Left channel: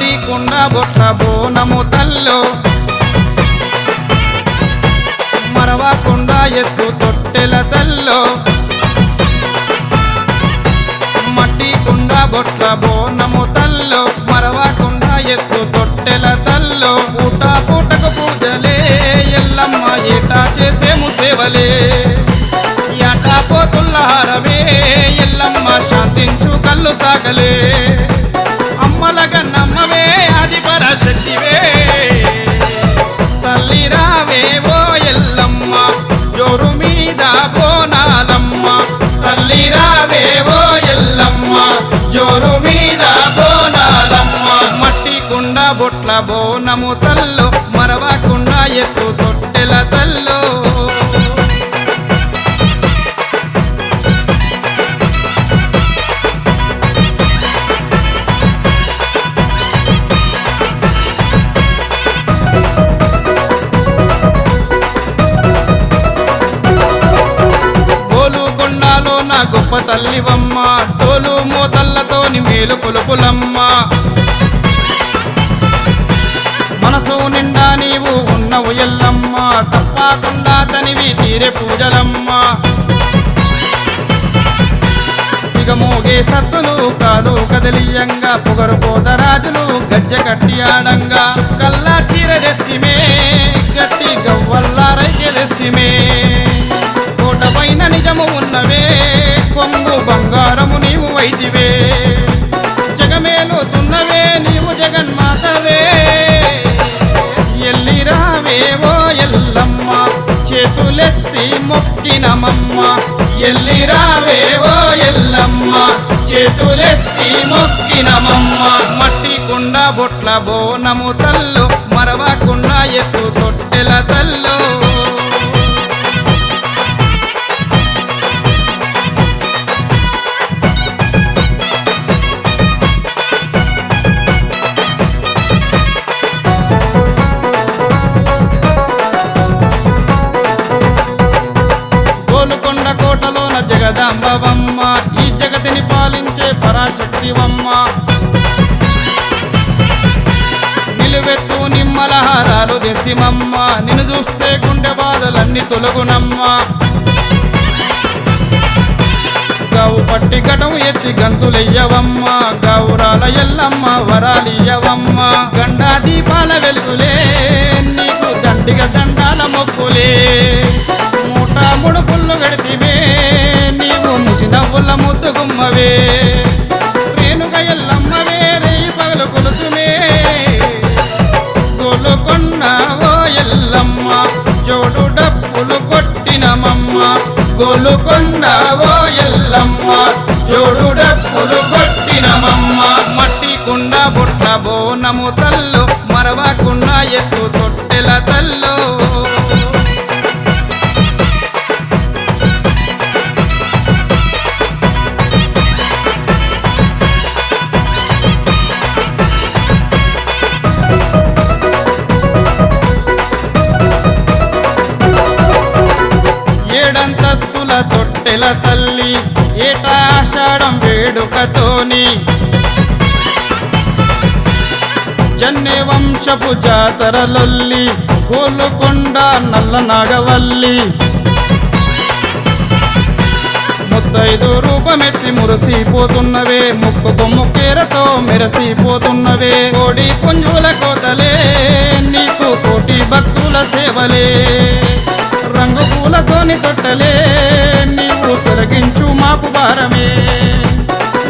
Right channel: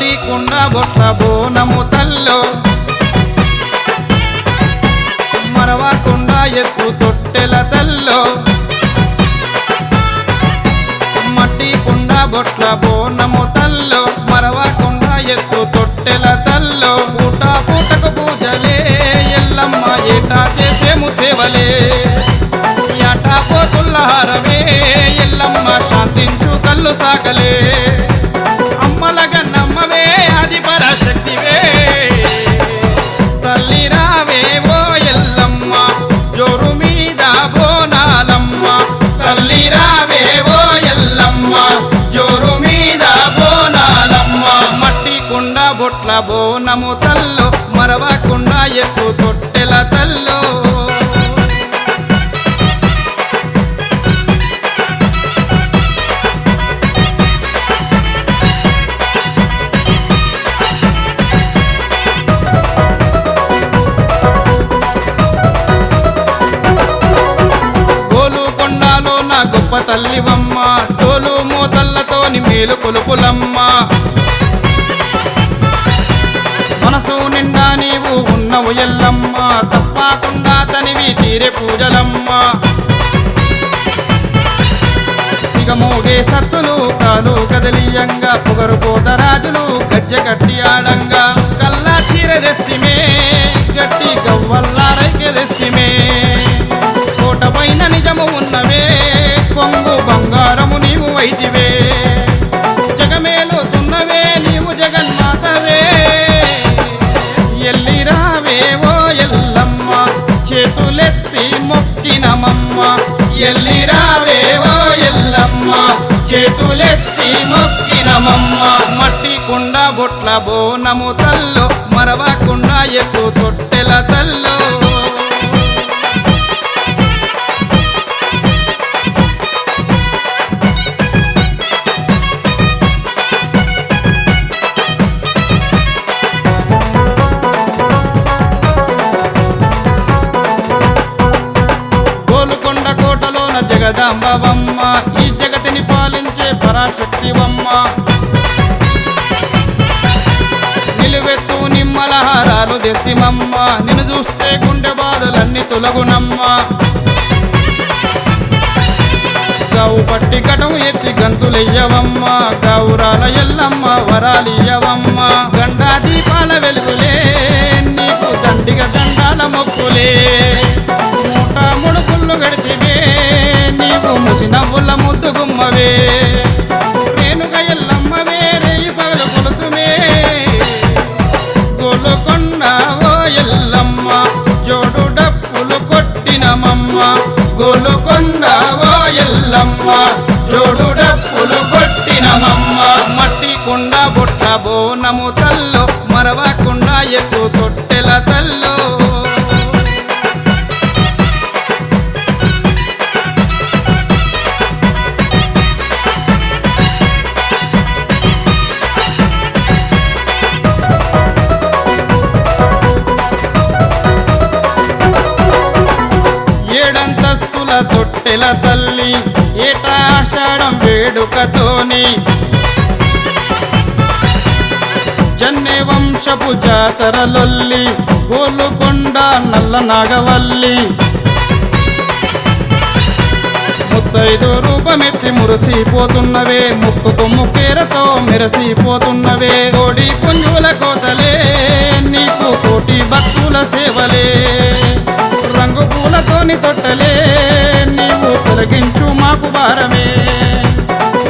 మట్టి కుండ బొట్ల బోనము తల్లో మరవకుండా ఎత్తు తొట్టెల తల్లో మట్టి కుండ బొట్ల బోనము తల్లో మరవకుండా ఎత్తు తొట్టెల తల్లో పూట పూటకు పూజలే ఎల్లమ్మ ఏటా చేసేము సేవలే యాటా పోతుల్ల హారమే ఎల్లమ్మ శాంతించు కళ్ళు సాగలే అమ్మలగా నమ్మవే ఆది పరాశక్తివే తల్లి రావే ఓ ఎల్లమ్మ జోరు మీద బోనాలమ్మ తల్లి రావే ఓ ఎల్లమ్మ జోరు మీద బోనాలమ్మ మట్టి కుండ బొట్ల బోనము తల్లో మరవకుండా ఎత్తు తొట్టెల తల్లో కొండాలో నా గొప్ప తల్లివమ్మ డోలు మోతల్లతోని మేలు కొలుపులమ్మ మనసు నిండా నీవు ఉన్నవు ఎల్లమ్మ తప్పకుండా తనివి తీరే పూజలమ్మ సిగమోగే సత్తులు కాలు కదలియంగా పొగరు పోతరాజులు గజ్జె కట్టి ఆడంగా చుక్కల్లా చీర తెస్తిమే గట్టి గవ్వల్లా రైకె తెస్తిమే కోట పైన నిజము ఉన్నవే కొంగు బంగారము నీవు వైతివే జగమేలుతున్నవే నీవు జగన్మాతవే ఎల్లిరావే ఓ ఎల్లమ్మ చేతులెత్తి మొక్కినమమ్మ ఎల్లిరావే ఓ ఎల్లమ్మ చేతులెత్తి మొక్కినమమ్మ మట్టి కుండ బొట్ల బోనము తల్లో మరవకుండా ఎత్తు తొట్టెల తల్లో గోలుకొండ కోటలోన జగదాంబవమ్మ ఈ జగతిని పాలించే పరాశక్తివమ్మ నిలువెత్తు నిమ్మల హారాలు తెస్తిమమ్మ నిన్ను చూస్తే గుండె బాధలన్నీ తొలగునమ్మ గావు పట్టి గటం ఎత్తి గంతులెయ్యవమ్మ గౌరాల ఎల్లమ్మ వరాలియ్యవమ్మ గండా దీపాల వెలుగులే నీకు దండిగ దండాల మొక్కులే మూట ముడుపుళ్ళు గడితివే నీవు ముసినవ్వుల ముద్దు గుమ్మవే రేణుగ ఎల్లమ్మవే రేయి పగలు కొలుతుమే గోలుకొండ ఓ ఎల్లమ్మ జోడు డప్పులు కొట్టినమమ్మ గోలుకొండ ఓ ఎల్లమ్మ జోడు డప్పులు కొట్టినమమ్మ మట్టి కుండ బొట్ల బోనము తల్లో మరవకుండా ఎత్తు తొట్టెల తల్లో ఏడంతస్తుల తొట్టెల తల్లి ఏటా ఆషాఢం వేడుకతోని జన్నే వంశపు జాతరలొల్లి గోలుకొండ నల్ల నాగవల్లి ముత్తైదు రూపమెత్తి మురిసిపోతున్నవే ముక్కుకు ముక్కేరతో మెరసిపోతున్నవే కోడి పుంజుల కోతలే నీకు కోటి భక్తుల సేవలే రంగు పూలతోని తొట్టలే నీవు తొలగించు మాకు భారమే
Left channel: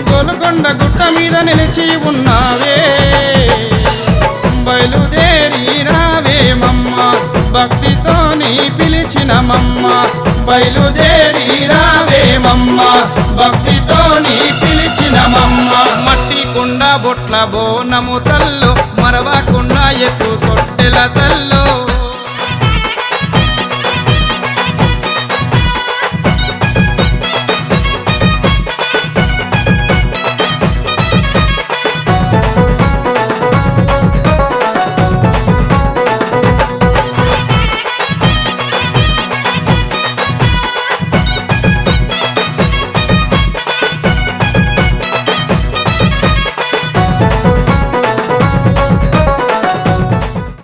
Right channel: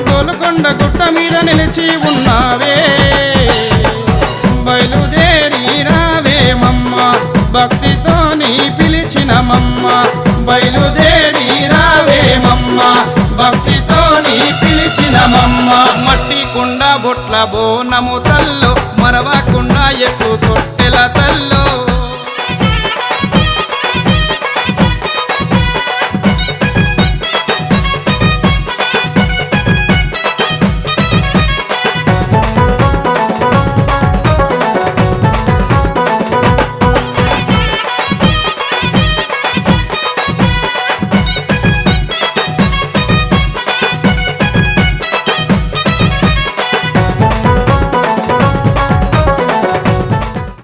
గోలుకొండ గుట్ట మీద నిలిచి ఉన్నావే బయలుదేరి రావేమమ్మ భక్తితోని పిలిచినమమ్మ బయలుదేరి రావేమమ్మ భక్తితోని పిలిచినమమ్మ మట్టి కుండ బొట్ల బోనము తల్లో మరవకుండా ఎత్తు తొట్టెల తల్లో